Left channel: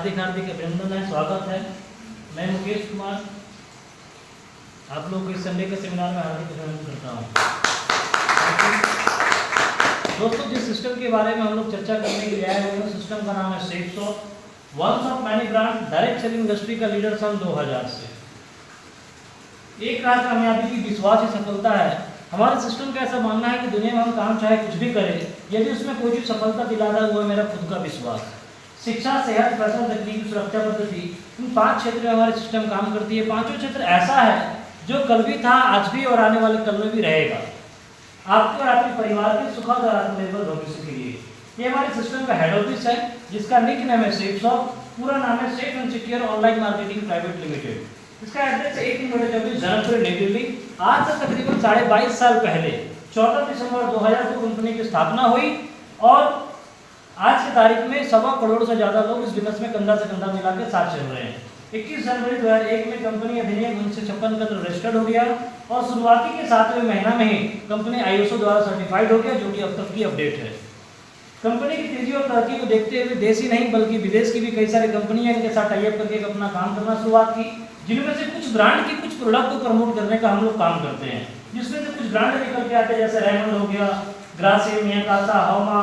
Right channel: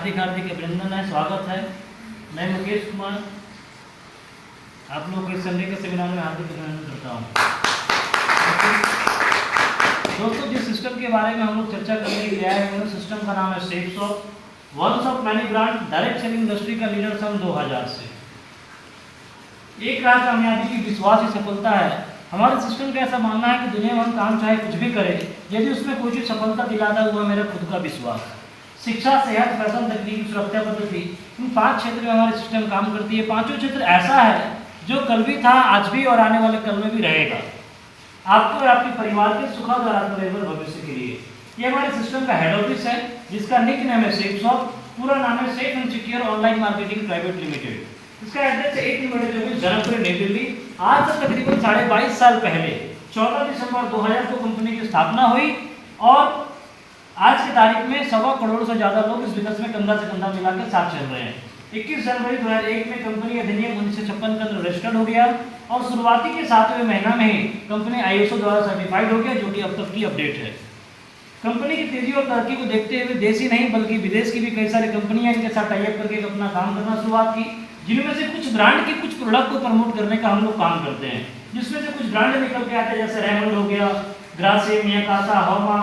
हार्दिक हार्दिक अभिनंदन है, स्वागत है। मैं मुकेश कुमार आप लोगों को इस संडे के सेमिनार में हार्दिक अभिनंदन करता हूँ। दोस्तों, जिस सिस्टम के बारे में हम लोग चर्चा करने के लिए आए हैं, उस सिस्टम का नाम है salesshop, ones of many brand, direct selling industry का लीडर सन 2000 से। एक राह कामयाबी की विश्वास ही सफलता है। हमारे सिस्टम का ऐसा मानना है कि दुनिया में हम काम चाहे कुछ भी करें, यदि उसमें कोई चीज़ सफलता दिलाता है वो है मेरा खुद का विश्वास। शिक्षा, सेहत, फैशन, तकनीक, सुरक्षा पद्धति, इन 5 क्षेत्र में हमारे सिस्टम काम करती है। 5 क्षेत्र ऐसा है जो कल भी था, आज भी और आने वाले कल में भी रहेगा, आपके और आपके परिवार के सुखद और आत्मनिर्भर भविष्य के लिए। ये हमारे सिस्टम का हेड ऑफिस है, जिसका निक नेम है सेल्सशॉप, पूरा नाम है safe and secure online marketing private limited. इसका एड्रेस है 18/24 धर्मपुर, नई दिल्ली। आज से तकरीबन 22.5 साल पहले 14 दिसंबर 2000 को कंपनी की स्थापना हुई और आज की तारीख में 1.25 करोड़ से ज़्यादा लोग इस बिजनेस में कंधा से कंधा मिलाकर साथ चल रहे हैं। 21 जनवरी 2001 में कंपनी अधिनियम 1956 के अंदर रजिस्टर्ड हो गया और शुरुआती के 7वें महीना में ही कंपनी ISO द्वारा सर्टिफाइड हो गया, जो कि अब तक की अपडेट है। कंपनी की तेजी और तरक्की को देखते हुए देश ही नहीं बल्कि विदेश की भी कई सारी कंपनियां इनके साथ टाई अप करके अपना काम करना शुरुआत की, जिनमें से कुछ ब्रांड के कुछ प्रोडक्ट को प्रमोट करने का हम लोग काम करते हैं, जिसमें से कुछ ब्रांड निकल के आते हैं, जैसे रेमंड हो गया, ग्रासिम, मियाकासा, हौमा,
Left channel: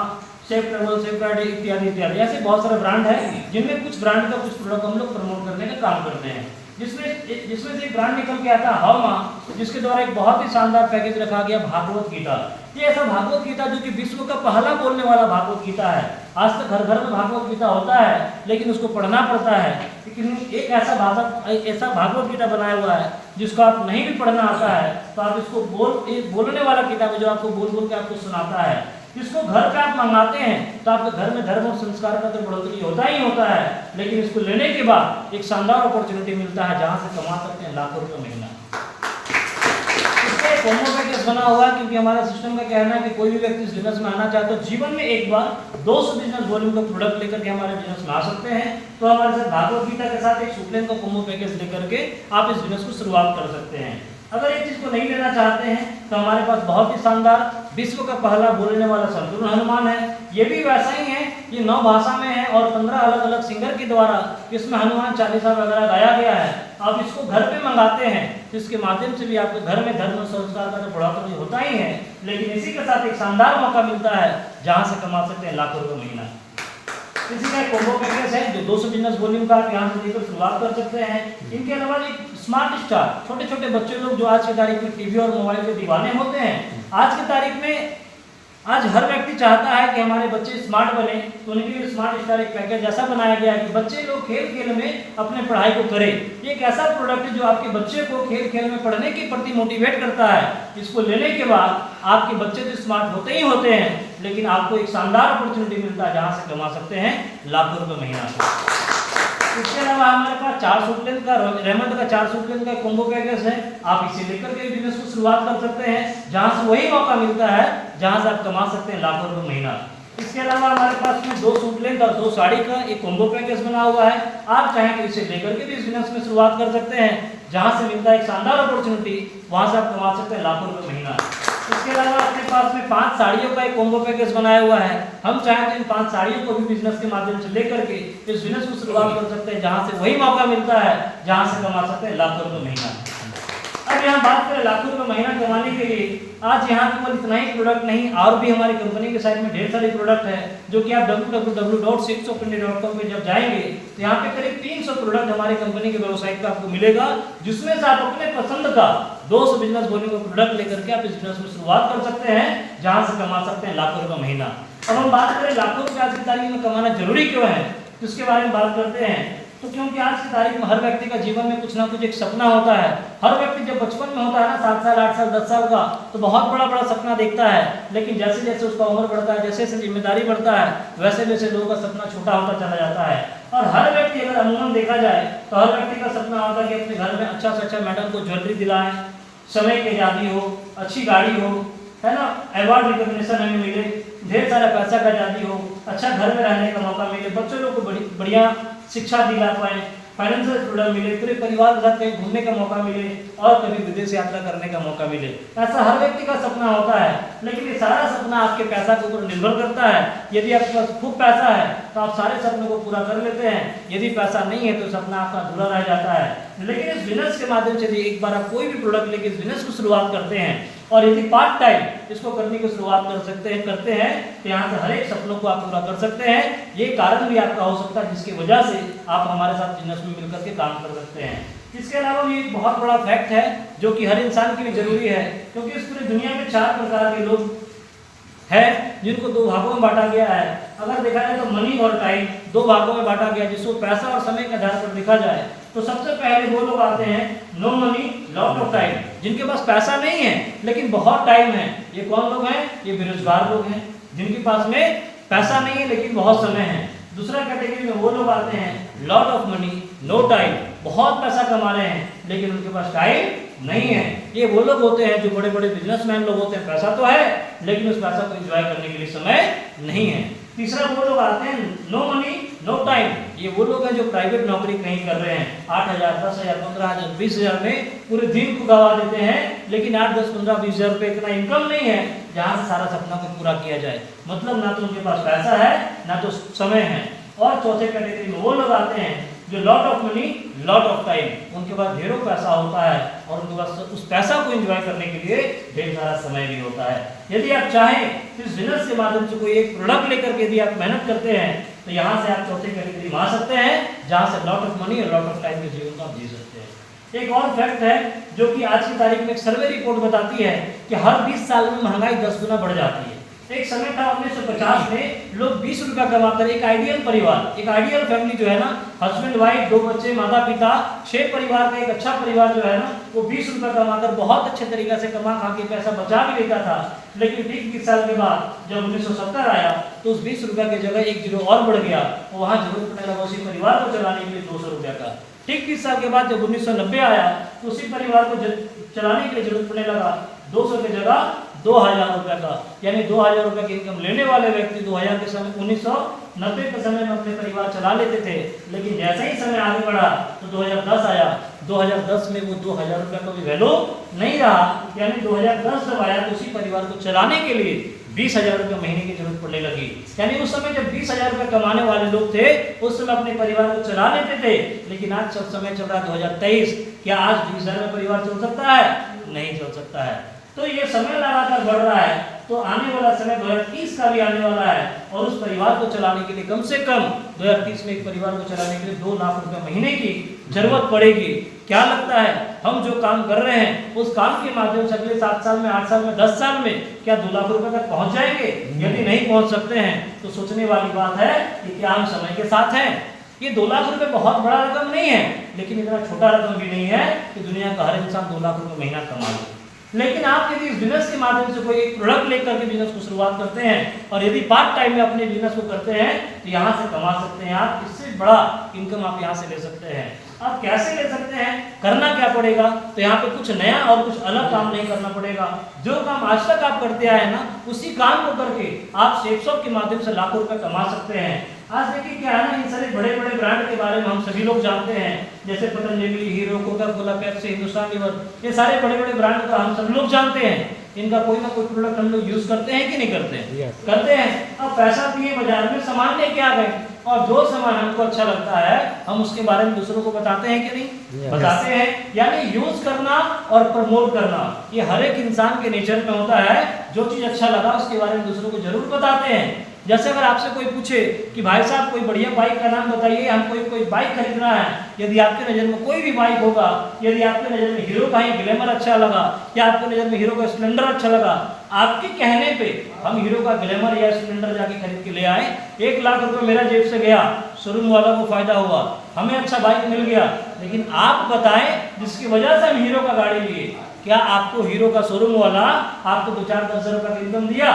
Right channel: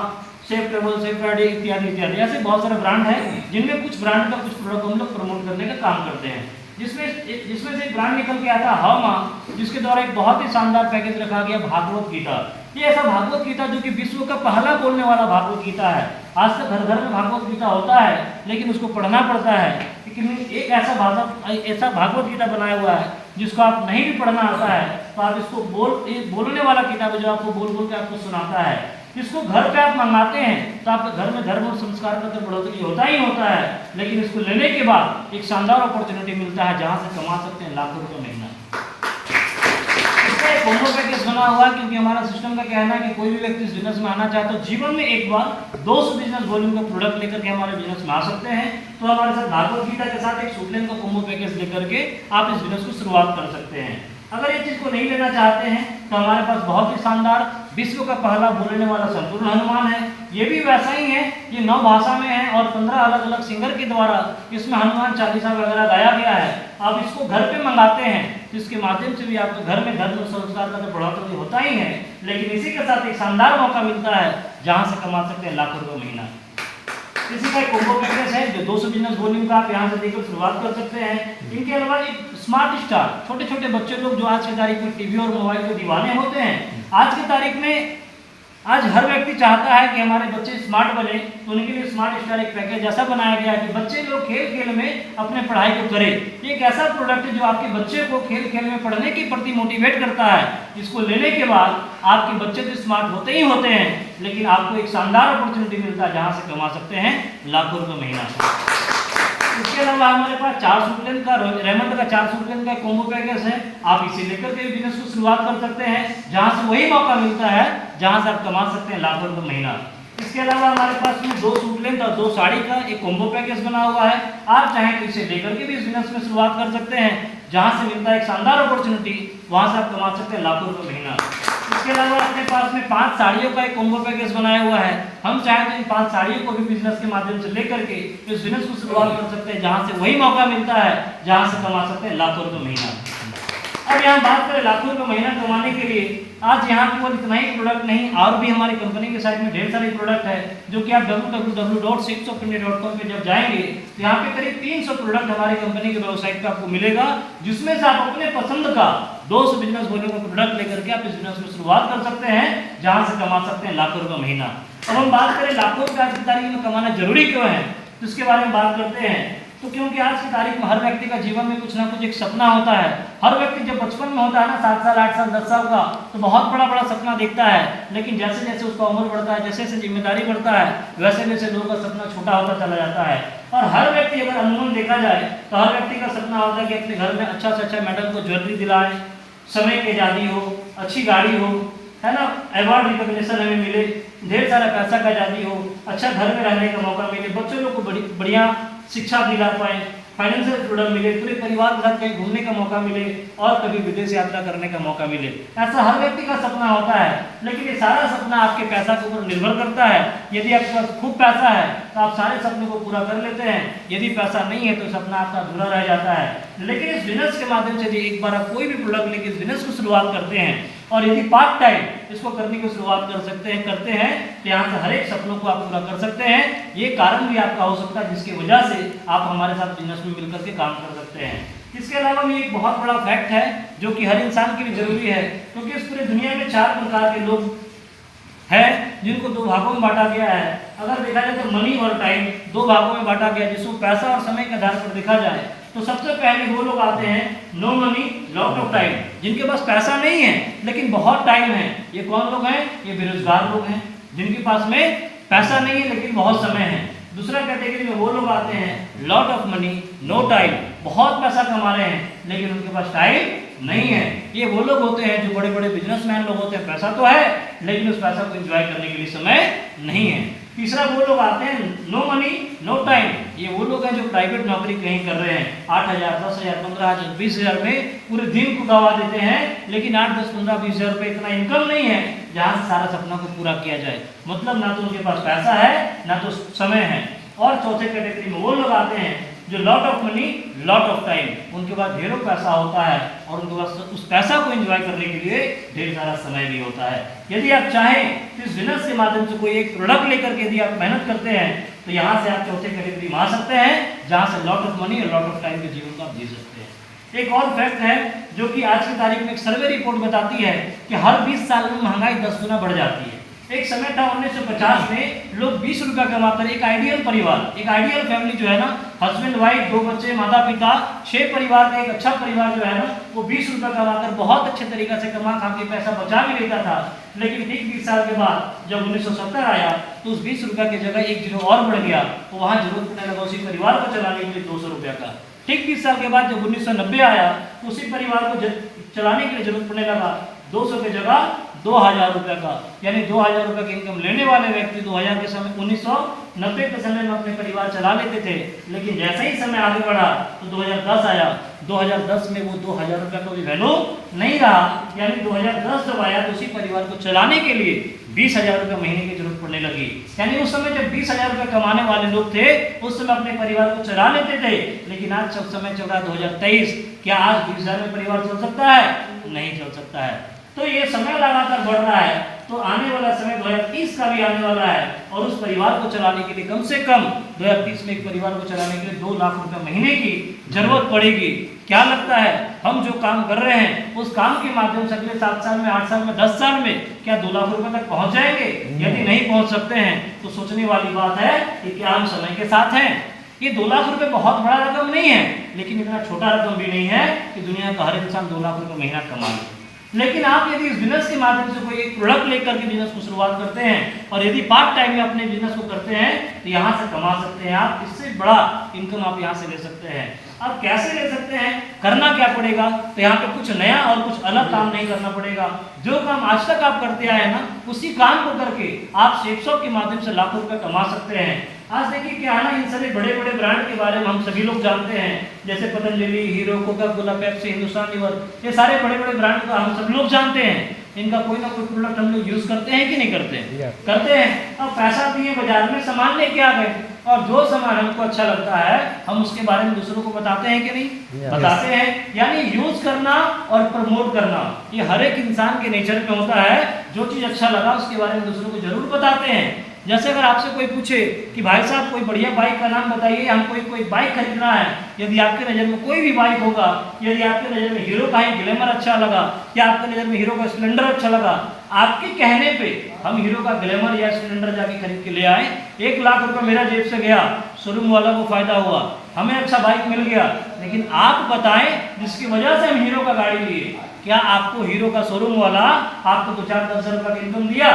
सेफ ट्रेवल, सेफ गाड़ी इत्यादि इत्यादि। ऐसे बहुत सारे ब्रांड हैं जिनमें कुछ ब्रांड का कुछ प्रोडक्ट हम लोग प्रमोट करने का काम करते हैं, जिसमें से एक ब्रांड निकल के आता है हौमा, जिसके द्वारा एक बहुत ही शानदार पैकेज रखा गया भागवत गीता। ये ऐसा भागवत गीता जो कि विश्व का पहला बोलने वाला भागवत गीता है। आज तक घर घर में भागवत गीता होता है, लेकिन उसको पढ़ना पड़ता है। लेकिन एक ऐसा भागवत गीता बनाया हुआ है जिसको आप नहीं भी पढ़ना आता है तो आप इसको बोलने वाला किताब है, जो आपको बोल बोल के आपको सुनाता है। इसको घर पे आप मंगाते हैं तो आपके घर में धर्म और संस्कार का तो बढ़ोतरी होता ही होता है, लेकिन इसको लेने के बाद एक शानदार अपॉर्चुनिटी मिलता है जहां से कमा सकते हैं लाखों रुपए महीना। इसका एक कॉम्बो पैकेज बना हुआ है, क्योंकि हमारा सिस्टम का कहना है कि कोई भी व्यक्ति इस बिजनेस में आना चाहे तो जीवन में एक बार 200 बिजनेस वॉल्यूम का प्रोडक्ट लेकर के हमारे बिजनेस में आ सकते हैं। तो हमारे साथ भागवत गीता के साथ एक सुप्लेन का कॉम्बो पैकेज लेकर के आप इस बिजनेस को शुरुआत कर सकते हैं। अगर ये चीज को नहीं लेना चाहते हैं तो हमारे पास बहुत ही शानदार विश्व का पहला बोलने वाला संपूर्ण हनुमान है। ये भी वैसा ही है, ये 9 भाषा में है और 15 अलग अलग सिंगर के द्वारा इसमें हनुमान चालीसा वगैरह गाया गया है। आप इसको घर पे मंगाते हैं तो इसके माध्यम से भी आपके घर में धर्म और संस्कार का तो बढ़ोतरी होता ही है, लेकिन इसी के साथ एक शानदार मौका मिलता है जहां से कमा सकते हैं लाखों रुपए महीना। इसी का एक कॉम्बो पैकेज है जो 200 बिजनेस वॉल्यूम का आप यहाँ से देकर शुरुआत कर सकते हैं। इनके अलावा एक स्मार्ट स्टार, छोटे छोटे बच्चे लोग जो आज की तारीख में टीवी और मोबाइल के दीवाने होते हैं, आज की तारीख में आज हर व्यक्ति चाहता है कि हमारे बच्चे स्मार्ट बने, तो उनके लिए स्मार्ट स्टार एक पैकेज ऐसा बनाया गया है कि बच्चे लोग खेल खेल में अपने पढ़ाई को करें। ये एक ऐसा प्रोडक्ट है जो आपके बच्चे को खेल खेल में पढ़ने के प्रति मोटिवेट करता है। इसको लेने के बाद आपके बच्चे तो स्मार्ट होते ही होते हैं, लेकिन आपको एक शानदार अपॉर्चुनिटी मिलता है जहां से कमा सकते हैं लाखों रुपए महीना। इसके अलावा हमारे पास 4 सुप्लेन का रेमंड का 4 सुप्लेन का कॉम्बो पैकेज है। आप इसे लेकर के बिजनेस को शुरुआत कर सकते हैं, जहां से वही मौका मिलता है जहां से आप कमा सकते हैं लाखों रुपए महीना। इसके अलावा हमारे पास में 2 सुप्लेन और 2 साड़ी का एक कॉम्बो पैकेज बना हुआ है। आप चाहें तो इसे लेकर के भी इस बिजनेस में शुरुआत कर सकते हैं, जहां से मिलता है एक शानदार अपॉर्चुनिटी, वहां से आप कमा सकते हैं लाखों रुपए महीना। इसके अलावा अपने पास में 5 साड़ियों का एक कॉम्बो पैकेज बनाया हुआ है। हम चाहें तो इन 5 साड़ियों को भी बिजनेस के माध्यम से लेकर के इस बिजनेस को शुरुआत कर सकते हैं, जहां से वही मौका मिलता है जहां से कमा सकते हैं लाखों रुपए महीना। अब यहाँ बात करें लाखों रुपए महीना कमाने के लिए, आज यहाँ केवल इतना ही प्रोडक्ट नहीं, और भी हमारी कंपनी के साइड में ढेर सारे प्रोडक्ट है, जो कि आप www.safeshopindia.com पे जब जाएंगे तो यहाँ पे करीब 300 प्रोडक्ट हमारी कंपनी के वेबसाइट पे आपको मिलेगा, जिसमें से आप अपने पसंद का 200 बिजनेस वॉल्यूम का प्रोडक्ट लेकर के आप इस बिजनेस में शुरुआत कर सकते हैं, जहां से कमा सकते हैं लाखों रुपए महीना। अब हम बात करें लाखों रुपए आज की तारीख में कमाना जरूरी क्यों है, तो इसके बारे में बात करते हैं। तो क्योंकि आज की तारीख में हर व्यक्ति का जीवन में कुछ ना कुछ एक सपना होता है। हर व्यक्ति जब बचपन में होता है ना, 7 साल 8 साल 10 साल का, तो बहुत बड़ा बड़ा सपना देखता है, लेकिन जैसे जैसे उसका उम्र बढ़ता है, जैसे जैसे जिम्मेदारी बढ़ता है, वैसे वैसे लोगों का सपना छोटा होता चला जाता है। और हर व्यक्ति अगर अमूमन देखा जाए तो हर व्यक्ति का सपना होता है कि अपने घर में अच्छा से अच्छा मैडम को ज्वेलरी दिलाएं, समय की आज़ादी हो, अच्छी गाड़ी हो, है ना, अवार्ड रिकॉग्निशन हमें मिले, ढेर सारा पैसा का आज़ादी हो, अच्छा घर में रहने का मौका मिले, बच्चों लोग को बढ़िया शिक्षा दिला पाए, फाइनेंशियल फ्रीडम मिले, पूरे परिवार के साथ कहीं घूमने का मौका मिले और कभी विदेश यात्रा करने का मौका मिले। ऐसा हर व्यक्ति का सपना होता है, लेकिन ये सारा सपना आपके पैसा के ऊपर निर्भर करता है। यदि आपके पास खूब पैसा है तो आप सारे सपनों को पूरा कर लेते हैं, यदि पैसा नहीं है तो सपना आपका अधूरा रह जाता है। लेकिन इस बिजनेस के माध्यम से यदि एक बार आप कोई भी प्रोडक्ट लेके इस बिजनेस को शुरुआत करते हैं और यदि पार्ट टाइम इसको करने की शुरुआत करते हैं तो यहाँ से हर एक सपनों को आप पूरा कर सकते हैं। ये कारण भी आपका हो सकता है जिसकी वजह से आप हमारे साथ बिजनेस में मिलकर के काम कर सकते हैं। इसके अलावा भी एक बहुत बड़ा फैक्ट है जो कि हर इंसान के लिए जरूरी है, क्योंकि इस पूरी दुनिया में 4 प्रकार के लोग हैं जिनको 2 भागों में बांटा गया है। अगर देखा जाए तो मनी और टाइम 2 भागों में बांटा गया है, जिसको पैसा और समय के आधार पर देखा जाए तो सबसे पहले वो लोग आते हैं no money lot of time, जिनके पास पैसा नहीं है लेकिन बहुत टाइम है। ये कौन लोग हैं? ये बेरोजगार लोग हैं जिनके पास में पैसा नहीं है लेकिन बहुत समय है। दूसरा कैटेगरी में वो लोग आते हैं lot of money no time, बहुत पैसा कमा रहे हैं लेकिन उनके पास टाइम नहीं है। ये वो लोग होते हैं जो बड़े बड़े बिजनेसमैन लोग होते हैं, पैसा तो है लेकिन उस पैसा को एंजॉय करने के लिए समय नहीं है। तीसरा वो लोग आते हैं नो मनी नो टाइम, ये वो लोग हैं जो प्राइवेट नौकरी कहीं कर रहे हैं, 8,000 10,000 15,000 20,000 में पूरे दिन को गवा देते हैं, लेकिन 8 10 15 20,000 रुपये इतना इनकम नहीं है जहाँ से सारा सपना को पूरा किया जाए। मतलब ना तो उनके पास पैसा है ना तो समय है। और चौथे कैटेगरी में वो लोग आते हैं जो lot of money lot of time, उनके पास ढेरों पैसा होता है और उनके पास उस पैसा को एंजॉय करने के लिए ढेर सारा समय भी होता है। यदि आप चाहें तो इस बिजनेस के माध्यम से कोई एक प्रोडक्ट लेकर के यदि आप मेहनत करते हैं तो यहाँ से आप चौथे कैटेगरी में आ सकते हैं जहाँ से लॉट ऑफ मनी और लॉट ऑफ टाइम के जीवन को आप जी सकते हैं। एक और फैक्ट है जो कि आज की तारीख में एक सर्वे रिपोर्ट बताती है कि हर 20 साल में महंगाई 10 गुना बढ़ जाती है। एक समय था 1950 में लोग 20 रुपया कमाकर एक आइडियल परिवार, एक आइडियल फैमिली जो है ना, हस्बैंड वाइफ 2 बच्चे माता पिता 6 परिवार का एक अच्छा परिवार जो है ना, वो 20 रुपया कमाकर बहुत अच्छे तरीके से कमा खा के पैसा बचा भी लेता था। लेकिन ठीक 20 साल के बाद जब 1970 आया तो उस 20 रुपया की जगह 1 जीरो और बढ़ गया, तो वहाँ जरूरत पड़ने लगा उसी परिवार को चलाने के लिए 200 रुपया का। ठीक 20 साल के बाद जब 1990 आया तो उसी परिवार को चलाने के लिए जरूरत पड़ने लगा 200 की जगह 2,000 रुपये का, यानी 2,000 रुपये की इनकम लेने वाले व्यक्ति 2000 के समय 1990 के समय में अपने परिवार चला लेते थे। लेकिन जैसे ही समय आगे बढ़ा तो 2010 आया, 2010 में वो 2,000 रुपये का भी वैल्यू नहीं रहा, यानी 2010 जब आया तो उसी परिवार को चलाने के लिए 20,000 रुपये महीने की जरूरत पड़ने लगी। यानी उस समय जब 20,000 रुपये कमाने वाले लोग थे उस समय अपने परिवार को चला लेते थे, लेकिन आज सब समय चल रहा है 2023, क्या आज 20,000 में परिवार चल सकता है? नहीं चल सकता है। तो ये समय लगातार बढ़ रहा है, तो आने वाला समय 2030 का भी आने वाला है और उस परिवार को चलाने के लिए कम से कम 2030 में एक परिवार को चलाने के लिए 2 लाख रुपए महीने की जरूरत पड़ेगी। क्या लगता है हम जो काम कर रहे हैं उस काम के माध्यम से अगले 7 साल में 8 साल में 10 साल में क्या 2 लाख रुपए तक पहुंच जाएंगे? यदि नहीं पहुंच सकते हैं तो सोचने वाली बात है कि क्या हम समय के साथ हैं। ये 2 लाख रुपए बहुत बड़ा रकम नहीं है, लेकिन इतना छोटा रकम भी नहीं है कि दुनिया का हर इंसान 2 लाख रुपए महीना कमा ले। लेकिन आप यदि इस बिजनेस के माध्यम से कोई एक प्रोडक्ट लेकर के बिजनेस को शुरुआत करते हैं और यदि पार्ट टाइम में अपने बिजनेस को करते हैं तो यहाँ से कमा सकते हैं आप, इससे बड़ा इनकम आप यहाँ से ले सकते हैं। अब कैसे ले सकते हैं, करना क्या पड़ेगा? तो यहाँ पे कुछ नया और कुछ अलग काम नहीं करना पड़ेगा। जो काम आज तक आप करते आए ना उसी काम को करके आप शेयरशॉप के माध्यम से लाखों रुपए कमा सकते हैं। आज देखिए क्या है ना, इन सारे बड़े बड़े ब्रांड के बारे में हम सभी लोग जानते हैं, जैसे Patanjali, Hero, Coca Cola, Pepsi, Hindustan Lever, ये सारे बड़े बड़े ब्रांड का हम सब लोग जानते हैं। इनका कोई ना कोई प्रोडक्ट हम लोग यूज करते हैं कि नहीं करते हैं? करते हैं। अब पैसा दिए बाजार में सामान लेके आ गए और जो सामान हमको अच्छा लगता है हम उसके बारे में दूसरों को बताते हैं कि नहीं? बताते हैं। यानी यूज करना और प्रमोट करना ये हर एक इंसान के नेचर में होता है। जो चीज अच्छा लगा उसके बारे में दूसरों को जरूर बताते हैं। जैसे अगर आपसे कोई पूछे कि भाई साहब कोई बढ़िया बाइक का नाम बताइए, हमको कोई बाइक खरीदना है, यदि आपके नज़र में कोई भी बाइक होगा, यदि आपके नज़र में हीरो का ही ग्लैमर अच्छा लगा या आपके नज़र में हीरो का स्प्लेंडर अच्छा लगा, आपके कहने पे हम हीरो का ग्लैमर या स्प्लेंडर जाके खरीद के ले आए, 1 लाख रुपए मेरा जेब से गया, शोरूम वाला को फायदा हुआ, हमें अच्छा बाइक मिल गया, लेकिन आप बताएं जिसकी वजह से हम हीरो का गाड़ी लिए, क्या आपको हीरो का शोरूम वाला आपको 2-4-10 रुपए का इनकम दिया?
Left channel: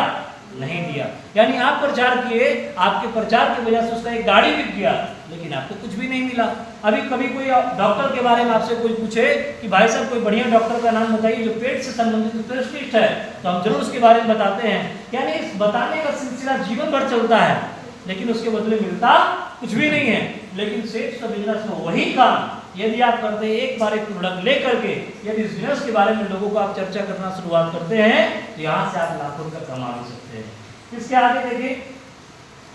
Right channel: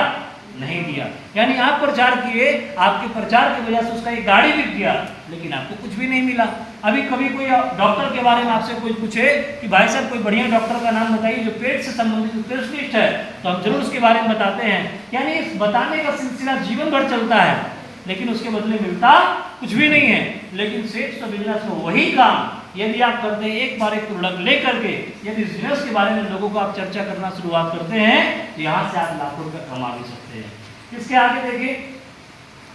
नहीं दिया। यानी आप प्रचार किए, आपके प्रचार की वजह से उसका एक गाड़ी बिक गया, लेकिन आपको कुछ भी नहीं मिला। अभी कभी कोई डॉक्टर के बारे में आपसे कोई पूछे कि भाई साहब कोई बढ़िया डॉक्टर का नाम बताइए जो पेट से संबंधित स्पेशलिस्ट है, तो हम जरूर उसके बारे में बताते हैं। यानी इस बताने का सिलसिला जीवन भर चलता है, लेकिन उसके बदले मिलता कुछ भी नहीं है। लेकिन सेल्स बिजनेस में वही काम यदि आप करते हैं, एक बार एक प्रोडक्ट ले करके यदि बिजनेस के बारे में लोगों को आप चर्चा करना शुरुआत करते हैं तो यहाँ से आप लाखों रुपये कमा भी सकते हैं। इसके आगे देखिए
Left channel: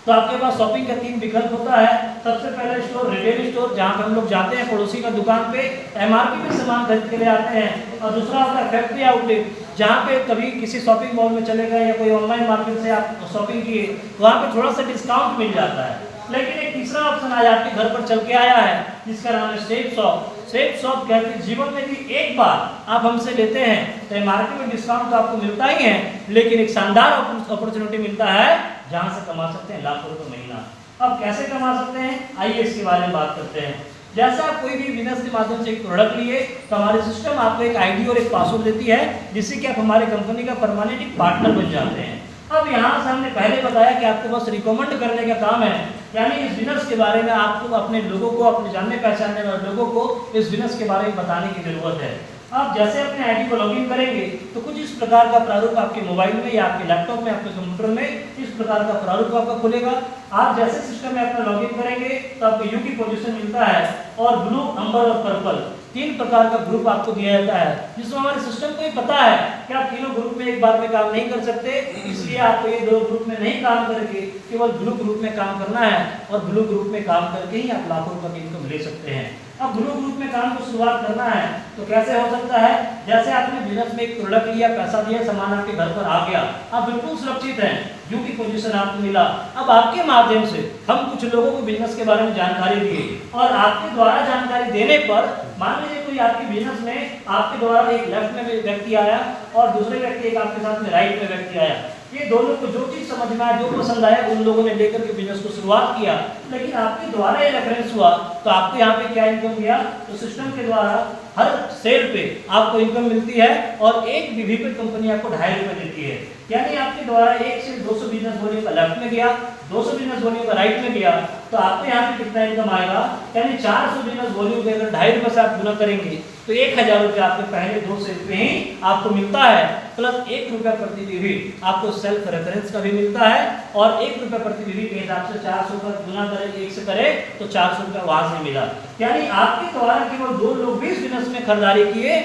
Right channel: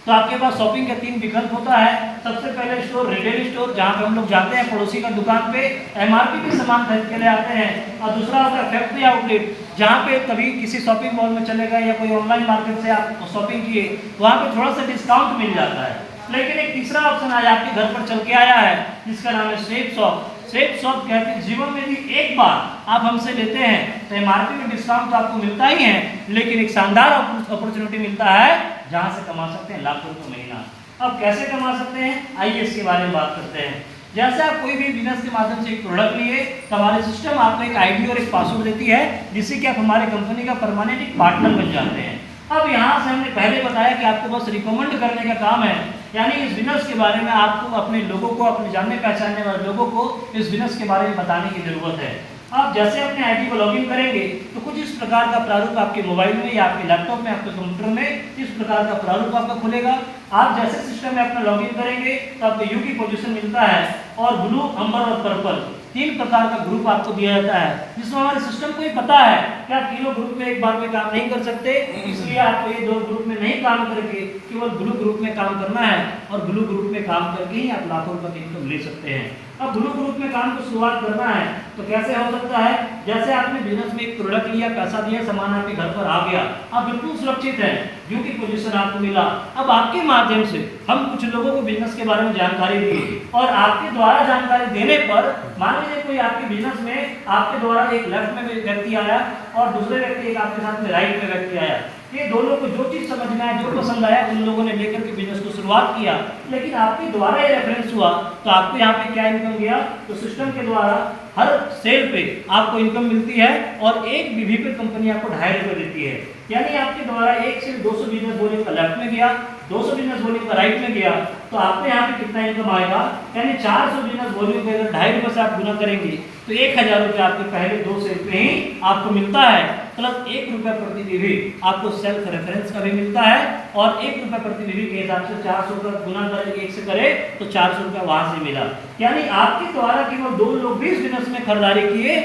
तो आपके पास शॉपिंग का 3 विकल्प होता है। सबसे पहले स्टोर, रिटेल स्टोर, जहाँ पर हम लोग जाते हैं पड़ोसी का दुकान पे एमआरपी पे सामान खरीद के ले आते हैं। और दूसरा होता है फैक्ट्री आउटलेट, जहाँ पे कभी किसी शॉपिंग मॉल में चले गए या कोई ऑनलाइन मार्केट से आप शॉपिंग किए, वहाँ पे थोड़ा सा डिस्काउंट मिल जाता है। लेकिन एक तीसरा ऑप्शन आज आपके घर पर चल के आया है जिसका नाम है सेफ शॉप। सेफ शॉप कहते हैं जीवन में भी एक बार आप हमसे लेते हैं तो एमआरपी में डिस्काउंट तो आपको मिलता ही है, लेकिन एक शानदार अपॉर्चुनिटी मिलता है जहां से कमा सकते हैं लाखों रुपए महीना। अब कैसे कमा सकते हैं, आइए इसके बारे में बात करते हैं। जैसे आप कोई भी बिजनेस के माध्यम से एक प्रोडक्ट लिए तो हमारे सिस्टम आपको एक आईडी और एक पासवर्ड देती है जिससे कि आप हमारे कंपनी का परमानेंट एक पार्टनर बन जाते हैं। अब यहाँ से हमने पहले बताया कि आपको बस रिकमेंड करने का काम है, यानी इस बिजनेस के बारे में आपको अपने लोगों को, अपने जानने पहचानने वाले लोगों को इस बिजनेस के बारे में बताने की जरूरत है। आप जैसे अपने आईडी को लॉगिन करेंगे तो कुछ इस प्रकार का प्रारूप आपके मोबाइल में या आपके लैपटॉप में, आपके कंप्यूटर में इस प्रकार का प्रारूप आपका खुलेगा। आप जैसे सिस्टम में अपना लॉगिन करेंगे तो आपको यू की पोजीशन मिलता है और ब्लू, अंबर और पर्पल 3 प्रकार का ग्रुप आपको दिया जाता है, जिसमें हमारे सिस्टम को ही पता है कि आप तीनों ग्रुप में एक बार में काम नहीं कर सकते, इसलिए आपको ये 2 ग्रुप में नहीं काम करके केवल ब्लू ग्रुप में काम करना है और ब्लू ग्रुप में काम करके ही आप लाखों रुपए की इनकम ले सकते हैं। अब ब्लू ग्रुप में काम को शुरुआत करना है तो कैसे हो सकता है, जैसे आपने बिजनेस में एक प्रोडक्ट लिया, पैसा दिया, सामान आपके घर पर आ गया, आप बिल्कुल सुरक्षित हैं, यू की पोजीशन आपको मिला। अब आपके माध्यम से हम कुछ लोगों को बिजनेस के बारे में जानकारी दिए और आपके द्वारा जानकारी देने पर मान लीजिए कोई आपके बिजनेस में आपके द्वारा एक लेफ्ट में व्यक्ति आया और दूसरे व्यक्ति एक आपके साथ में राइट में व्यक्ति आया। ये दोनों को जो चीज समझ में आया, जो पसंद आया, उन लोगों ने लेकर के बिजनेस को शुरुआत किया, लेकिन आपके द्वारा ये रेफरेंस हुआ तो आपको यहाँ पे क्या इनकम गया, तो सिस्टम के द्वारा हर सेल पे आपको इनकम मिलती है और एक बीवी पे कंपनी आपको 2.5 रुपए देती है। यानी आपके द्वारा 1 से 200 बिजनेस बोलियों का लेफ्ट में गया, 200 बिजनेस बोलियों का राइट में गया, तो आपको यहाँ पे कितना इनकम आएगा, यानी 400 बिजनेस बोलियों को अगर 2.5 रुपए से आप गुना करेंगे तो 1000 रुपये आपके पहले 2 सेल पे ही आपको मिलता है, प्लस 1 रुपया प्रति बीवी आपको सेल्फ रेफरेंस का भी मिलता है और 1 रुपया प्रति बीवी के हिसाब से 400 का गुना करें 1 से करे तो 400 रुपया वहां से मिला। यानी आपके द्वारा केवल 2 लोग भी इस बिजनेस में खरीदारी किए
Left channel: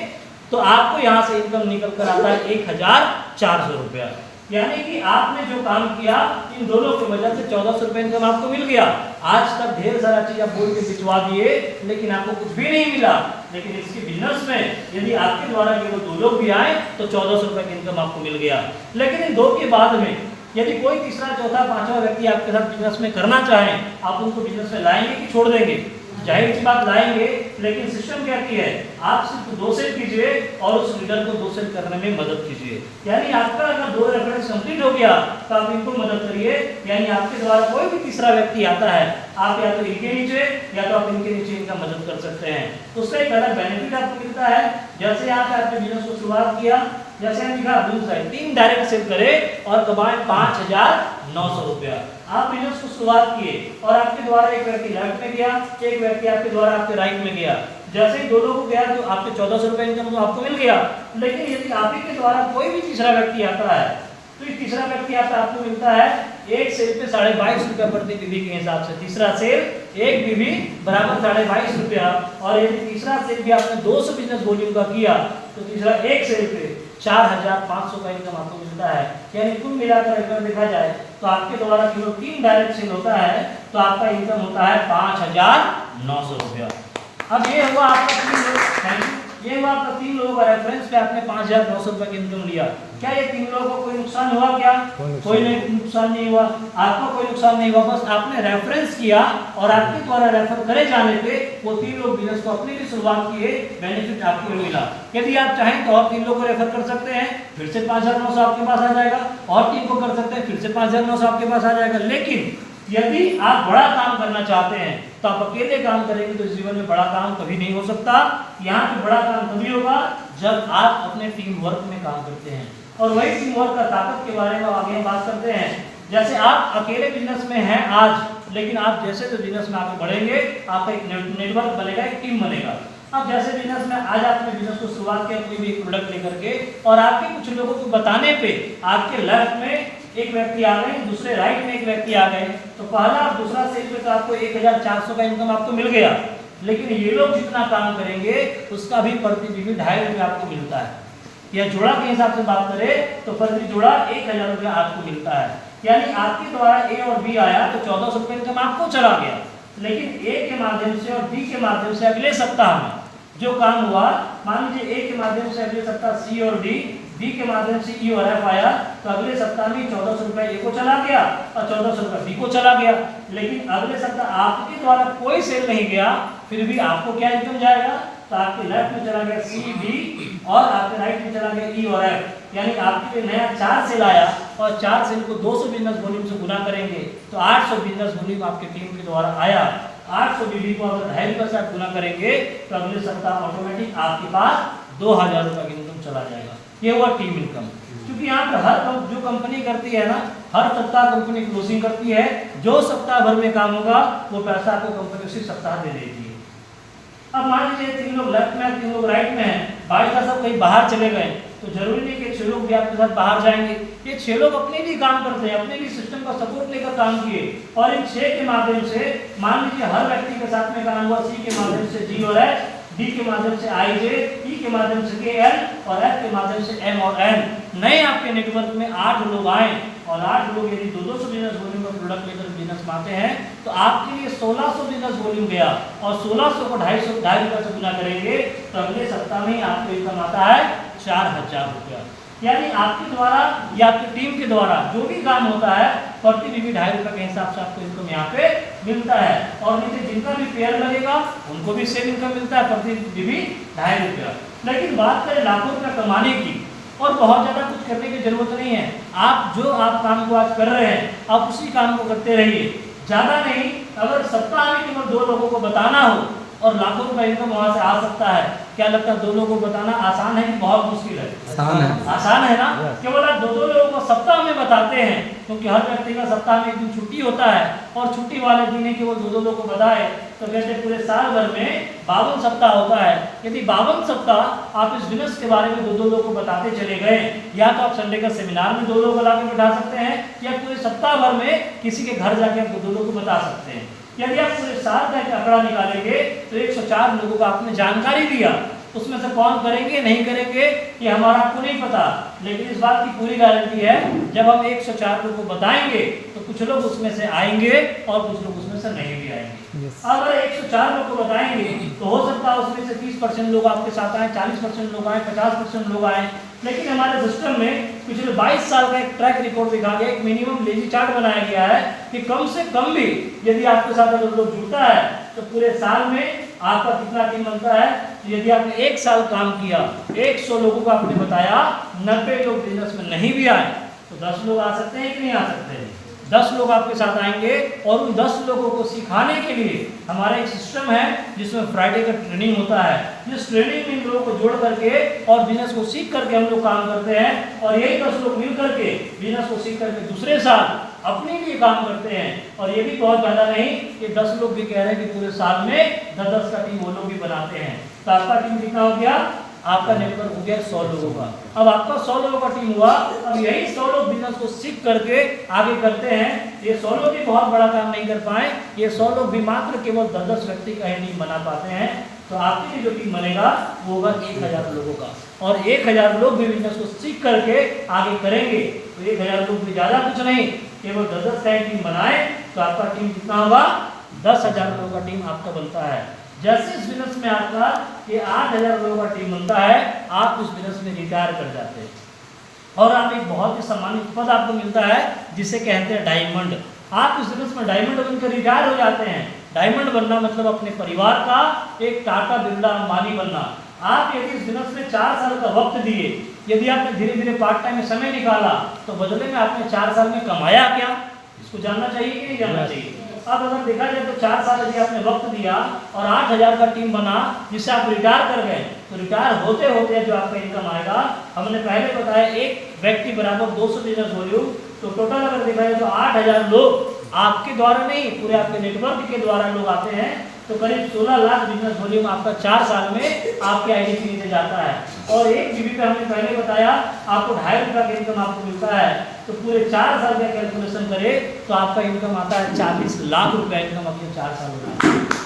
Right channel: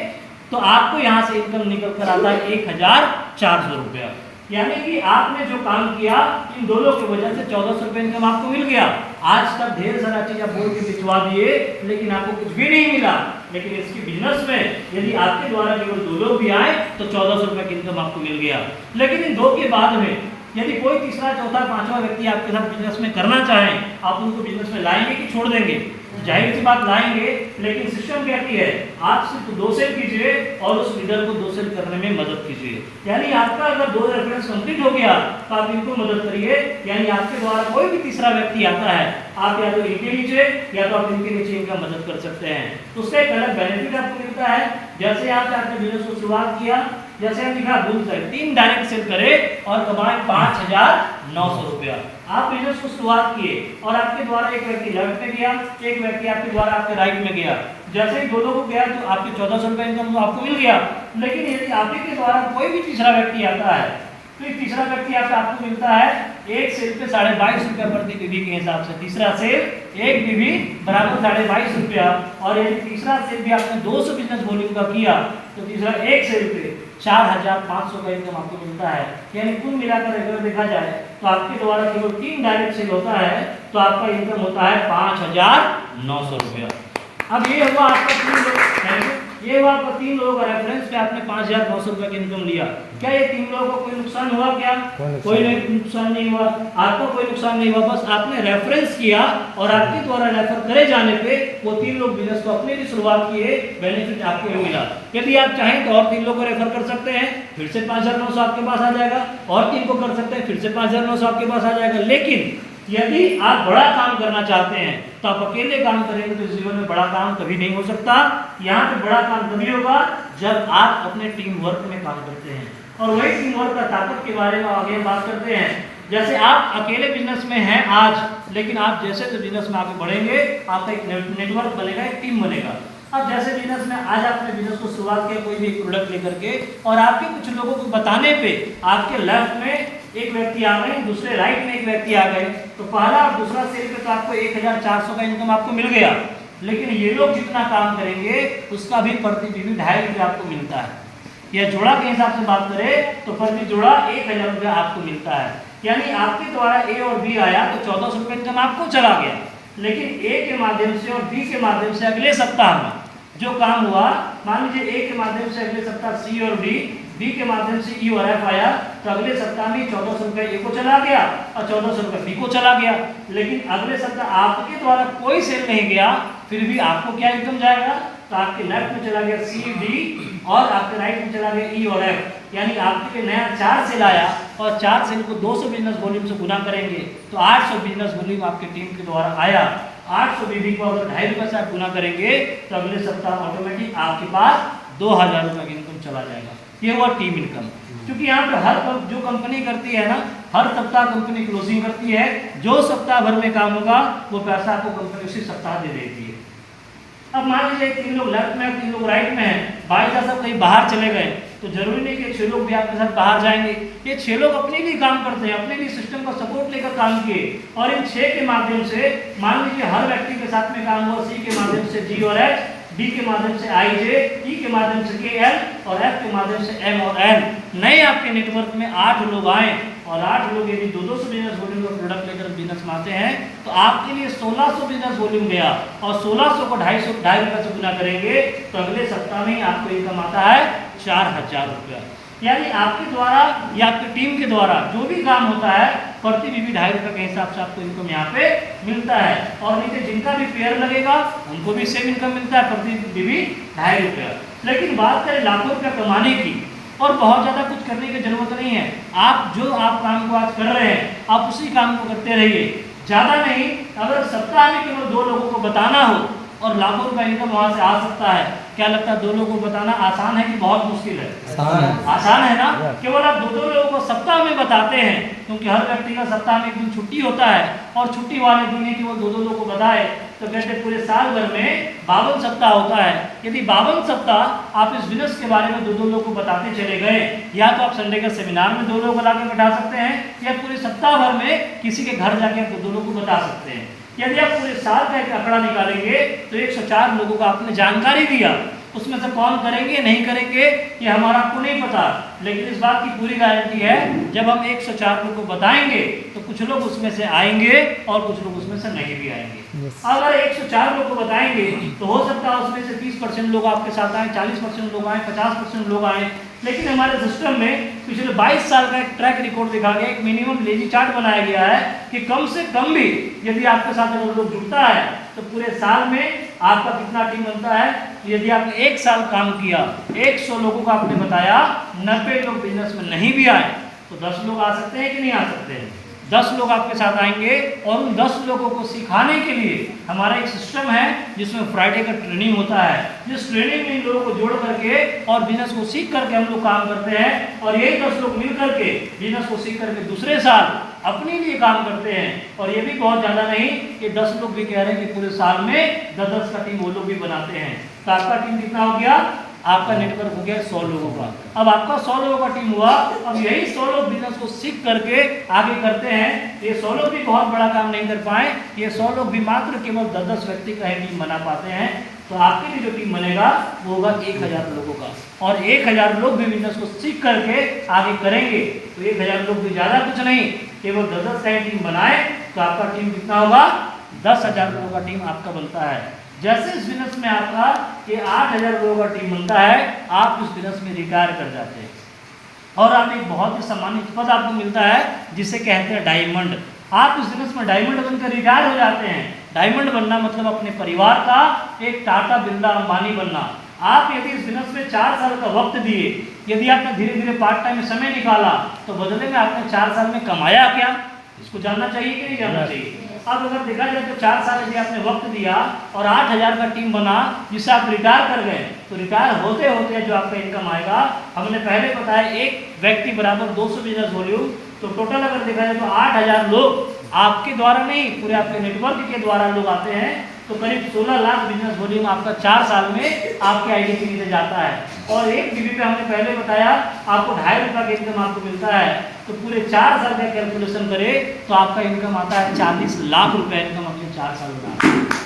तो आपको यहाँ से इनकम निकल कर आता है 1400 रुपया। यानी कि आपने जो काम किया इन दोनों की वजह से 1400 रुपये इनकम आपको मिल गया। आज तक ढेर सारा चीज आप बोल के भिजवा दिए लेकिन आपको कुछ भी नहीं मिला, लेकिन इसके बिजनेस में यदि आपके द्वारा केवल 2 लोग भी आए तो 1400 रुपये की इनकम आपको मिल गया। लेकिन इन 2 के बाद में यदि कोई तीसरा, चौथा, 5वां व्यक्ति आपके साथ बिजनेस में करना चाहे, आप उनको बिजनेस में लाएंगे कि छोड़ देंगे, जाहिर सी बात लाएंगे, लेकिन सिस्टम कहती है आप सिर्फ 2 सेल कीजिए और उस लीडर को 2 सेल करने में मदद कीजिए। यानी आपका अगर 2 रेफरेंस कंप्लीट हो गया तो आप इनको मदद करिए, यानी आपके द्वारा कोई भी तीसरा व्यक्ति आता है, आप या तो इनके नीचे या तो आप इनके नीचे इनका मदद कर सकते हैं। उसका एक अलग बेनिफिट आपको मिलता है। जैसे आपने बिजनेस को शुरुआत किया, जैसे हम दिखा 3 डायरेक्ट सेल करे और कमाए 5900 रुपया। आप बिजनेस को शुरुआत किए और आपके द्वारा एक व्यक्ति लेफ्ट में गया, एक व्यक्ति आपके द्वारा आपके राइट में गया, जैसे ही दोनों को गया तो आपके 1400 रुपये इनकम तो आपको मिल गया। लेकिन यदि आप ही के द्वारा कोई भी तीसरा व्यक्ति आता है तो एक तीसरा व्यक्ति आपको मिलता है एक सेल पे 22.5 रुपया प्रति बीवी के हिसाब से। तीसरा सेल एक बीवी बराबर 22.5 रुपया, और यदि तीसरा सेल भी आपने 200 बिजनेस वॉल्यूम का किया तो तीसरा एक सेल पे 4500 का इनकम आपको मिलता है। यानी कुल मिलाकर अगर देखा जाए तो आपके द्वारा केवल 3 डायरेक्ट सेल होता है तो आपका इनकम होता है 5900 रुपया। अब ये हुआ आपका 3 लोगों का रेफरेंस पे आपने 5900 रुपये की इनकम लिया। क्या ये 3 लोगों को कोई नुकसान हुआ? क्या कोई नुकसान नहीं हुआ, आपको कोई नुकसान नहीं हुआ। बस आपने रेफरेंस किया और आपके द्वारा रेफर करे जाने पे वो 3 लोग बिजनेस को अपने भी शुरुआत किए, बेनिफिट आपको मिला। यदि आप चाहें तो और 3 लोग को रेफर कर सकते हैं, फिर से 5900 आपके पास आ जाएगा, और 3 को कर सकते हैं, फिर से 5900 आपके पास आ जाएगा। लेकिन यदि आप बड़ा काम करना चाहते हैं तो आप अकेले काम करेंगे तो जीवन में बड़ा काम कभी नहीं हो सकता। यहाँ पे बड़ा काम तभी होगा जब आप अपने टीम वर्क में काम करते हैं, और वही टीम वर्क का ताकत के बारे में आगे बात करते हैं। जैसे आप अकेले बिजनेस में हैं आज, लेकिन आप जैसे तो बिजनेस में आगे बढ़ेंगे आपका एक नेटवर्क बनेगा, एक टीम बनेगा। अब जैसे बिजनेस में आज आपने बिजनेस को शुरुआत किया कोई भी एक प्रोडक्ट लेकर के, और आपके कुछ लोगों को बताने पे आपके लेफ्ट में एक व्यक्ति आ गए, दूसरे राइट में एक व्यक्ति आ गए, तो पहला और दूसरा सेल पे तो आपको 1400 का इनकम आपको मिल गया, लेकिन ये लोग जितना काम करेंगे उसका भी प्रति बीवी 2.5 रुपये आपको मिलता है। या जोड़ा के हिसाब से बात करें तो प्रति जोड़ा 1000 रुपये आपको मिलता है। यानी आपके द्वारा ए और बी आया तो 1400 रुपये इनकम आपको चला गया, लेकिन ए के माध्यम से और बी के माध्यम से अगले सप्ताह में जो काम हुआ, मान लीजिए ए के माध्यम से अगले सप्ताह सी और डी, बी के माध्यम से ई और एफ आया, तो अगले सप्ताह में 1400 रुपये ए को चला गया और 1400 रुपये बी को चला गया। लेकिन अगले सप्ताह आपके द्वारा कोई सेल नहीं गया, फिर भी आपको क्या इनकम जाएगा, तो आपके लेफ्ट में चला गया सी डी और आपके राइट में चला गया ई और एफ। यानी आपके लिए नया 4 सेल आया और 4 सेल को 200 बिजनेस वॉल्यूम से गुना करेंगे तो 800 बिजनेस वॉल्यूम आपकी टीम के द्वारा आया। 800 बीबी को अगर 2.5 रुपये से आप गुना करेंगे तो अगले सप्ताह ऑटोमेटिक आपके पास 2000 रुपये की इनकम चला जाएगा। ये हुआ टीम इनकम। क्योंकि यहाँ पे हर जो कंपनी करती है ना, हर सप्ताह कंपनी क्लोजिंग करती है, जो सप्ताह भर में काम होगा वो पैसा आपको कंपनी उसी सप्ताह दे देती है। अब मान लीजिए 3 लोग लेफ्ट में 3 लोग राइट में हैं, बाकी का सब कहीं बाहर चले गए, तो जरूरी नहीं कि 6 लोग भी आपके साथ बाहर जाएंगे। ये 6 लोग अपने लिए काम करते हैं, अपने लिए सिस्टम का सपोर्ट लेकर काम किए, और इन 6 के माध्यम से मान लीजिए हर व्यक्ति के साथ में काम हुआ। सी के माध्यम से जी और एच, डी के माध्यम से आई जे, ई के माध्यम से के एल और एफ के माध्यम से एम और एन। नए आपके नेटवर्क में 8 लोग आए और 8 लोग यदि 200 बिजनेस वॉल्यूम का प्रोडक्ट लेकर बिजनेस में आते हैं तो आपके लिए 1600 बिजनेस वॉल्यूम गया, और 1600 को 2.5 रुपये से गुना करेंगे तो अगले सप्ताह में आपको इनकम आता है 4000 रुपया। यानी आपके द्वारा या आपकी टीम के द्वारा जो भी काम होता है प्रति बीवी 2.5 रुपये के हिसाब से आपको इनकम यहाँ पे मिलता है। और नीचे जिनका भी पेयर लगेगा उनको भी सेम इनकम मिलता है प्रति बीवी 2.5 रुपया। लेकिन बात करें लाखों रुपया कमाने की, और बहुत ज़्यादा कुछ करने की जरूरत नहीं है। आप जो काम को आज कर रहे हैं आप उसी काम को करते रहिए, ज़्यादा नहीं। अगर सप्ताह में केवल 2 लोगों को बताना हो और लाखों रुपए इनकम वहाँ से आ सकता है, क्या लगता है 2 लोगों को बताना आसान है कि बहुत मुश्किल है? आसान है ना। केवल आप 2 लोगों को सप्ताह में बताते हैं, क्योंकि हर व्यक्ति का सप्ताह में एक दिन छुट्टी होता है, और छुट्टी वाले दिन ही केवल 2 लोगों को बताए तो कहते पूरे साल भर में 52 सप्ताह होता है। यदि 52 सप्ताह आप इस बिजनेस के बारे में 2 लोगों को बताते चले गए, या तो आप संडे का सेमिनार में 2 लोगों को ला के बैठा सकते हैं, या पूरे सप्ताह भर में किसी के घर जाके आप 2 लोगों को बता सकते हैं। यदि आप पूरे साल का एक आंकड़ा निकालेंगे तो 104 लोगों को आपने जानकारी दिया, उसमें से कौन करेंगे नहीं करेंगे ये हमारा आपको नहीं पता, लेकिन इस बात की पूरी गारंटी है जब हम 104 लोगों को बताएंगे तो कुछ लोग उसमें से आएंगे और कुछ लोग उसमें से नहीं भी आएंगे। अगर 104 लोग को बताएंगे तो हो सकता है उसमें से 30% लोग आपके साथ आए, 40% लोग आए, 50% लोग आए। लेकिन हमारे सिस्टम में पिछले 22 साल का एक ट्रैक रिकॉर्ड देखा गया, एक मिनिमम लेजी चार्ट बनाया गया है कि कम से कम भी यदि आपके साथ अगर लोग जुड़ता है तो पूरे साल में आपका कितना टीम बनता है। यदि आपने 1 साल काम किया, 100 लोगों को आपने बताया, 90 लोग बिजनेस में नहीं भी आए तो 10 लोग आ सकते हैं कि नहीं आ सकते हैं? 10 लोग आपके साथ आएंगे, और उन 10 लोगों को सिखाने के लिए हमारा एक सिस्टम है जिसमें फ्राइडे का ट्रेनिंग होता है। जिस ट्रेनिंग में इन लोगों को जोड़ करके और बिजनेस को सीख करके हम लोग काम करते हैं, और यही 10 लोग मिल करके बिजनेस को सीख करके दूसरे साल अपने लिए काम करते हैं। और ये भी बहुत ज़्यादा नहीं कि 10 लोग भी कह रहे हैं कि पूरे साल में 10-10 का टीम वो लोग भी बनाते हैं। तो आपका टीम कितना हो गया? आपका नेटवर्क हो गया 100 लोगों का। अब आपका 100 लोगों का टीम हुआ, अब यही 100 लोग बिजनेस को सीख करके आगे करते हैं। ये 100 लोग भी बहुत बड़ा काम नहीं कर पाए, ये 100 लोग भी मात्र केवल 10-10 व्यक्ति का ही टीम बना पाते हैं। तो आपके लिए जो टीम बनेगा वो होगा 1000 लोगों का, और 1000 लोग भी बिजनेस को सीख करके आगे करेंगे। तो 1000 लोग भी ज़्यादा कुछ नहीं, केवल 10-10 का ही टीम बनाए तो आपका टीम कितना होगा? 10,000 लोगों का टीम आपका बनता है। जैसे इस बिजनेस में आपका कि 8000 लोगों का टीम बनता है, आप इस बिजनेस में रिटायर कर जाते हैं और आप एक बहुत ही सम्मानित पद आपको मिलता है जिसे कहते हैं डायमंड। आप इस बिजनेस में डायमंड बनकर रिटायर हो जाते हैं। डायमंड बनना मतलब अपने परिवार का एक टाटा बिरला अंबानी बनना। आप यदि इस बिजनेस में 4 साल का वक्त दिए, यदि आपने धीरे धीरे पार्ट टाइम में समय निकाला, तो बदले में आपने 4 साल में कमाया क्या, इसको जानना चाहिए कि नहीं जानना चाहिए? अब अगर देखा जाए तो 4 साल यदि आपने वक्त दिया और 8000 का टीम बना जिससे आप रिटायर कर गए, तो रिटायर होते होते जो आपका इनकम आएगा, हमने पहले बताया एक व्यक्ति बराबर 200 बिजनेस वॉल्यूम, तो टोटल अगर देखा जाए तो 8000 लोग आपके द्वारा नहीं, पूरे आपके नेटवर्क के द्वारा लोग आते हैं, तो करीब 16 लाख बिजनेस वॉल्यूम आपका 4 साल में आपके आईडी के नीचे जाता है। और 1 जीबी पे हमने पहले बताया आपको 2.5 रुपये का इनकम आपको मिलता है, तो पूरे 4 साल का कैलकुलेशन करें तो आपका इनकम आता है 40 लाख रुपया इनकम अपने 4 साल में आता है।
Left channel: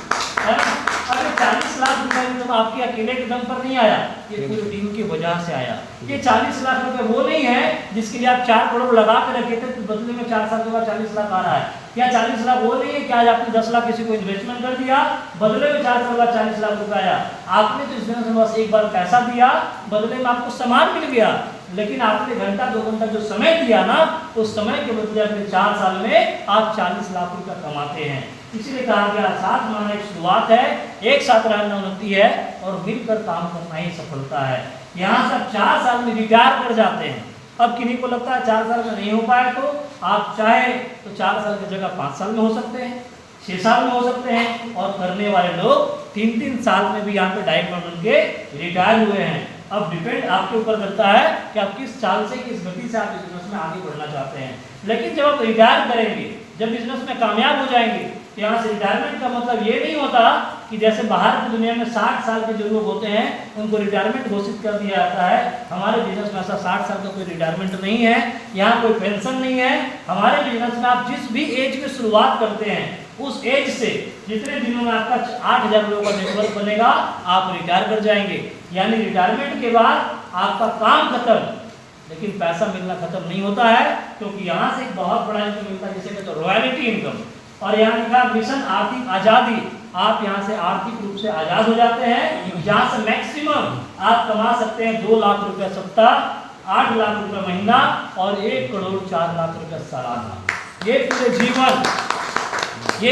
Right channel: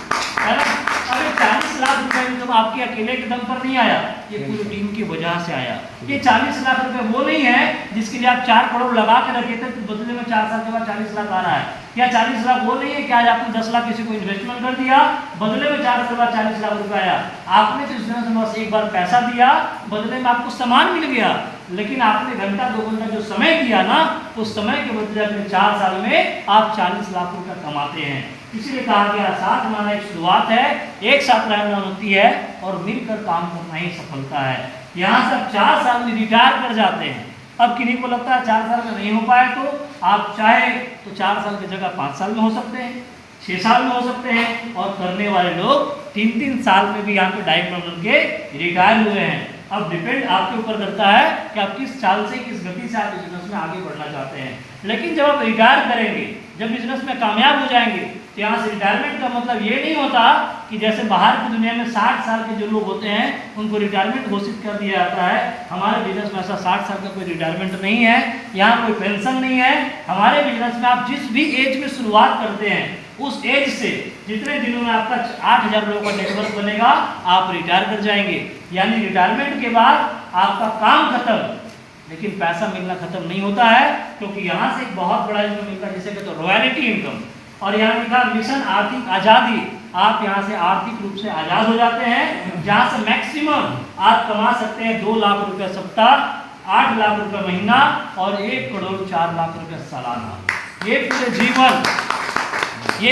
अगर 40 लाख रुपया इनकम आपके अकेले के दम पर नहीं आया, ये पूरी टीम की वजह से आया। ये 40 लाख रुपए वो नहीं है जिसके लिए आप 4 करोड़ लगा के रखे थे, तो बदले में 4 साल के बाद 40 लाख आ रहा है। या 40 लाख वो नहीं है कि आज आपने 10 लाख किसी को इन्वेस्टमेंट कर दिया, बदले में 4 साल के बाद 40 लाख रुपया आया। आपने तो इस बस एक बार पैसा दिया, बदले में आपको सामान मिल गया, लेकिन आपने घंटा 2 घंटा जो समय दिया ना, उस समय के बदले अपने 4 साल में आप 40 लाख रुपया कमाते हैं। इसीलिए कहा गया साथ माना एक शुरुआत है, एक साथ रहना होती है और मिलकर काम करना ही सफलता है। यहाँ से आप 4 साल में रिटायर कर जाते हैं। अब किन्हीं को लगता है 4 साल में नहीं हो पाए, तो आप चाहे तो 4 साल की जगह 5 साल में हो सकते हैं, 6 साल में हो सकते हैं, और करने वाले लोग 3-3 साल में भी यहाँ पे डायमंड उनके रिटायर हुए हैं। अब डिपेंड आपके ऊपर करता है कि आप किस चाल से, किस गति से आप बिजनेस में आगे बढ़ना चाहते हैं। लेकिन जब आप रिटायर करेंगे, जब बिजनेस में कामयाब हो जाएंगे, तो यहाँ से रिटायरमेंट का मतलब ये नहीं होता कि जैसे बाहर की दुनिया में 60 साल के जो लोग होते हैं उनको रिटायरमेंट घोषित कर दिया जाता है। हमारे बिजनेस में ऐसा 60 साल का कोई रिटायरमेंट नहीं है, यहाँ कोई पेंशन नहीं है। हमारे बिजनेस में आप जिस भी एज में शुरुआत करते हैं, उस एज से जितने दिनों में आपका 8000 लोगों का नेटवर्क बनेगा, आप रिटायर कर जाएंगे। यानी रिटायरमेंट के बाद आपका काम खत्म, लेकिन पैसा मिलना खत्म नहीं होता है, क्योंकि यहाँ से एक बहुत बड़ा इनकम मिलता है जिसे कहते हैं रॉयल्टी इनकम। और यहाँ लिखा मिशन आर्थिक आज़ादी, आप यहाँ से आर्थिक रूप से आज़ाद हो जाते हैं, जहाँ से मैक्सिमम आप कमा सकते हैं 2 लाख रुपये सप्ताह, 8 लाख रुपये महीना और 1 करोड़ 4 लाख रुपये सालाना। ये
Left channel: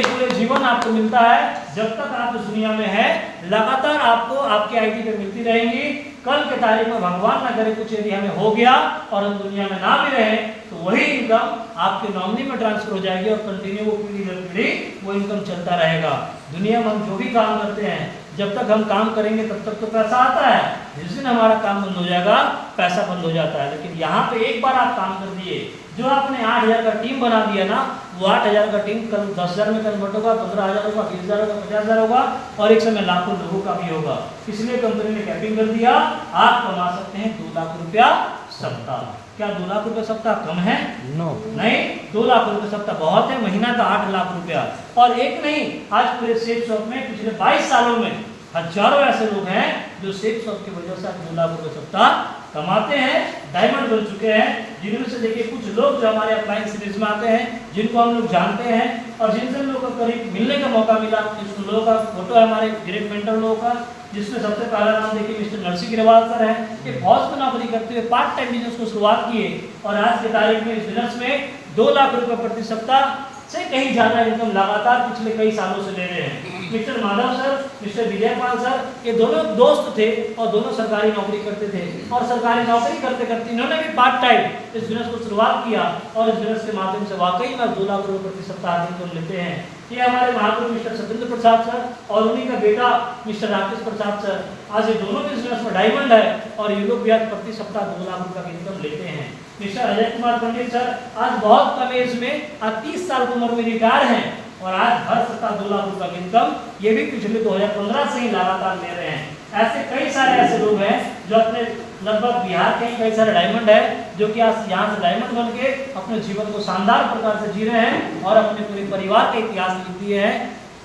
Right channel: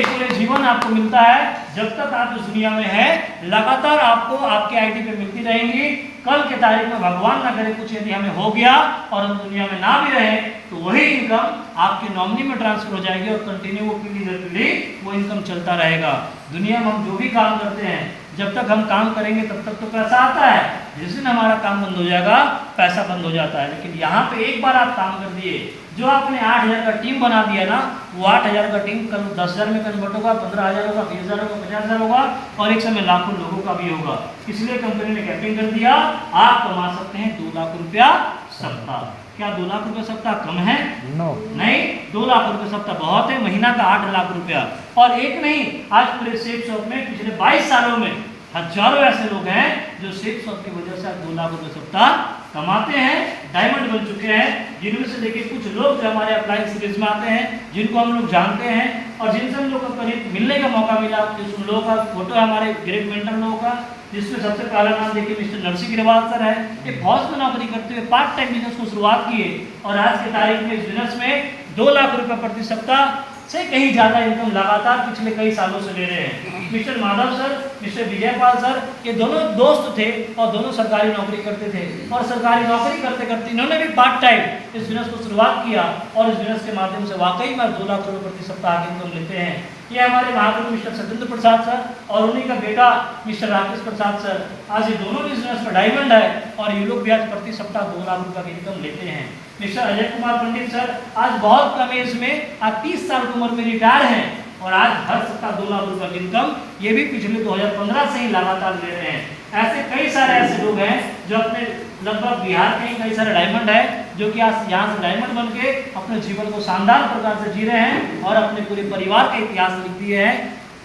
पूरे जीवन आपको मिलता है जब तक आप इस दुनिया में है, लगातार आपको आपके आईडी पे मिलती रहेंगी। कल के तारीख में भगवान ना करे कुछ यदि हमें हो गया और हम दुनिया में ना भी रहे, तो वही इनकम आपके नॉमिनी में ट्रांसफर हो जाएगी और कंटिन्यू वो पीढ़ी दर पीढ़ी वो इनकम चलता रहेगा। दुनिया में हम जो भी काम करते हैं, जब तक हम काम करेंगे तब तक तो पैसा आता है, जिस दिन हमारा काम बंद हो जाएगा पैसा बंद हो जाता है। लेकिन यहाँ पे एक बार आप काम कर दिए, जो आपने 8000 का टीम बना दिया ना, वो 8000 का टीम कल 10,000 में कन्वर्ट होगा, 15,000 होगा, 20,000 होगा, 50,000 होगा, और एक समय लाखों लोगों का भी होगा। इसलिए कंपनी ने कैपिंग कर दिया, आप कमा सकते हैं 2 लाख रुपया सप्ताह। क्या 2 लाख रुपये सप्ताह कम है? नहीं, 2 लाख रुपये सप्ताह बहुत है। महीना का 8 लाख रुपया। और एक नहीं, आज पूरे सेट शॉप में पिछले 22 सालों में हजारों ऐसे लोग हैं जो सेट शॉप की वजह से 2 लाख रुपये सप्ताह कमाते हैं, डायमंड बन चुके हैं। जिनमें से देखिए कुछ लोग जो हमारे अप्लाइंग सीरीज में आते हैं, जिनको हम लोग जानते हैं और जिनसे हम लोग को करीब मिलने का मौका मिला, कुछ लोगों का फोटो है हमारे ग्रेट मेंटर लोगों का, जिसमें सबसे पहला नाम देखिए मिस्टर नरसी गिरवाल सर है। ये फौज में नौकरी करते हुए पार्ट टाइम बिजनेस को शुरुआत किए और आज के तारीख में इस बिजनेस में 2 लाख रुपये प्रति सप्ताह से कहीं ज़्यादा इनकम लगातार पिछले कई सालों से ले रहे हैं। Mister Madhav sir, mister Vijaypal sir, ये दोनों दोस्त थे और दोनों सरकारी नौकरी करते थे, और सरकारी नौकरी करते करते इन्होंने भी पार्ट टाइम इस बिजनेस को शुरुआत किया और इस बिजनेस के माध्यम से वाकई में 2 लाख रुपये प्रति सप्ताह इनकम लेते हैं। ये हमारे महागुरु मिस्टर सत्येंद्र प्रसाद सर और उन्हीं का बेटा मिस्टर राकेश प्रसाद सर, आज ये दोनों बिजनेस में डायमंड है और ये लोग भी आज प्रति सप्ताह 2 लाख रुपये की इनकम लेते हैं। मिस्टर अजय कुमार पंडित सर आज बहुत कम एज में, आज 30 साल की उम्र में रिटायर हैं और आज हर सप्ताह 2 लाख रुपये की इनकम ये भी पिछले 2015 से ही लगातार ले रहे हैं। ऐसे कई सारे ऐसे लोग हैं जो अपने लगभग बिहार के कई सारे डायमंड है जो कि आज यहाँ से डायमंड बन के अपने जीवन को शानदार प्रकार से जी रहे हैं और अपने पूरे परिवार का इतिहास लिख दिए हैं।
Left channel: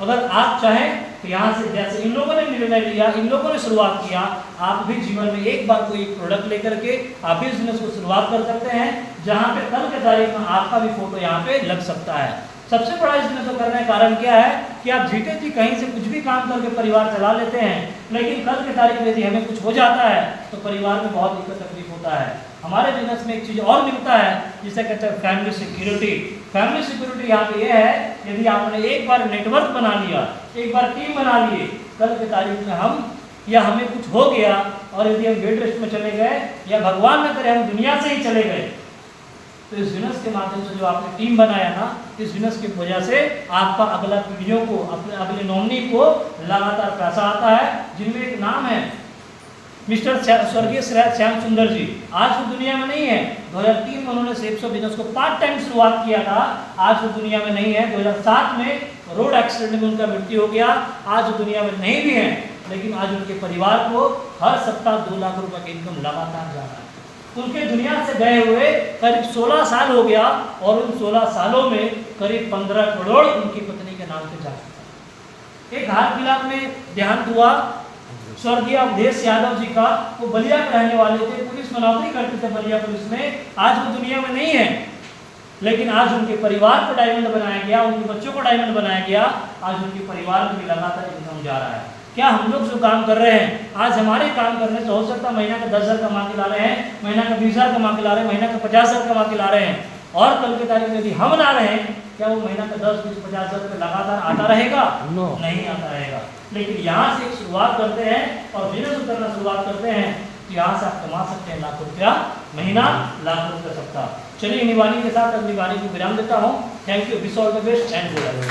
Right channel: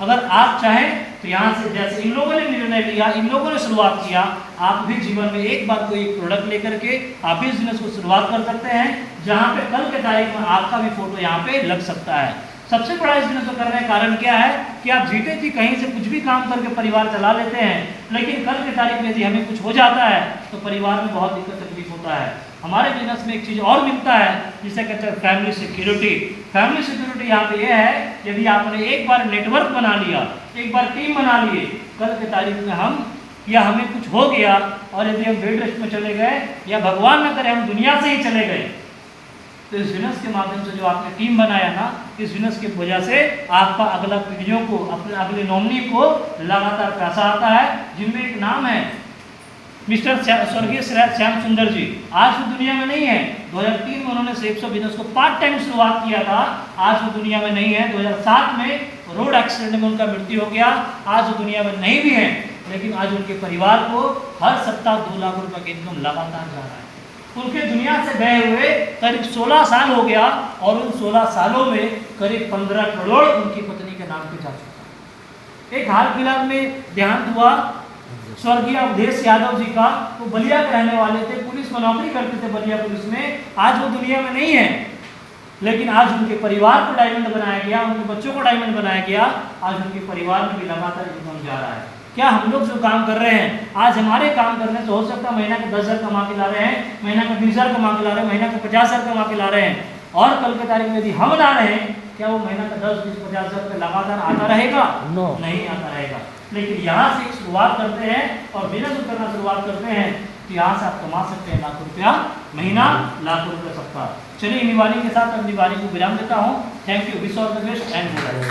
अगर आप चाहें तो यहाँ से जैसे इन लोगों ने निर्णय लिया, इन लोगों ने शुरुआत किया, आप भी जीवन में एक बार कोई प्रोडक्ट लेकर के आप भी बिजनेस को शुरुआत कर सकते हैं, जहाँ पे कल के तारीख में आपका भी फोटो यहाँ पे लग सकता है। सबसे बड़ा इस बिजनेस को करने का कारण क्या है कि आप जीते जी कहीं से कुछ भी काम करके परिवार चला लेते हैं, लेकिन कल की तारीख में यदि हमें कुछ हो जाता है तो परिवार में बहुत दिक्कत तकलीफ होता है। हमारे बिजनेस में एक चीज़ और मिलता है जिसे कहते हैं फैमिली सिक्योरिटी। फैमिली सिक्योरिटी यहाँ पे ये है, यदि आपने एक बार नेटवर्क बना लिया, एक बार टीम बना लिए, कल के तारीख में हम या हमें कुछ हो गया और यदि हम बेड रेस्ट में चले गए या भगवान न करे हम दुनिया से ही चले गए, तो इस बिजनेस के माध्यम से जो आपने टीम बनाया ना, इस बिजनेस की वजह से आपका अगला पीढ़ियों को, अपने अगले नॉमिनी को लगातार पैसा आता है। जिनमें एक नाम है मिस्टर स्वर्गीय श्याम सुंदर जी आज वो दुनिया में नहीं है। 2003 में उन्होंने सेप्स ऑफ बिजनेस को पार्ट टाइम शुरुआत किया था, आज वो दुनिया में नहीं है। 2007 में रोड एक्सीडेंट में उनका मृत्यु हो गया, आज वो दुनिया में नहीं भी है, लेकिन आज उनके परिवार को हर सप्ताह 2 लाख रुपए का इनकम लगातार जा रहा है। उनके दुनिया से गए हुए करीब 16 साल हो गया और उन 16 सालों में करीब 15 करोड़ उनकी पत्नी के नाम पे जा चुका है। एक हाल फिलहाल में देहांत हुआ स्वर्गीय अवधेश यादव जी का, वो बलिया के रहने वाले थे, पुलिस में नौकरी करते थे बलिया पुलिस में, आज वो दुनिया में नहीं है, लेकिन आज उनके परिवार को डायमंड बनाया गया, उनके बच्चों को डायमंड बनाया गया, आज उनके परिवार में भी लगातार इनकम जा रहा है। क्या हम लोग जो काम कर रहे हैं, आज हमारे काम करने से हो सकता है महीना का 10,000 कमा के ला रहे हैं, महीना का 20,000 कमा के ला रहे हैं, महीना का 50,000 कमा के ला रहे हैं, और कल के तारीख में यदि हम ला रहे हैं, क्या वो महीना का 10, 20, 50,000 रुपये लगातार आता रहेगा? नहीं आता रहेगा। लेकिन यहाँ से एक शुरुआत करते हैं और बिजनेस करना शुरुआत करते हैं, तो यहाँ से आप कमा सकते हैं लाखों रुपया महीना, लाखों रुपये सप्ताह। चलिए निवाली के साथ अब निवाली को विराम देता हूँ। Thank you, wish all the best and good.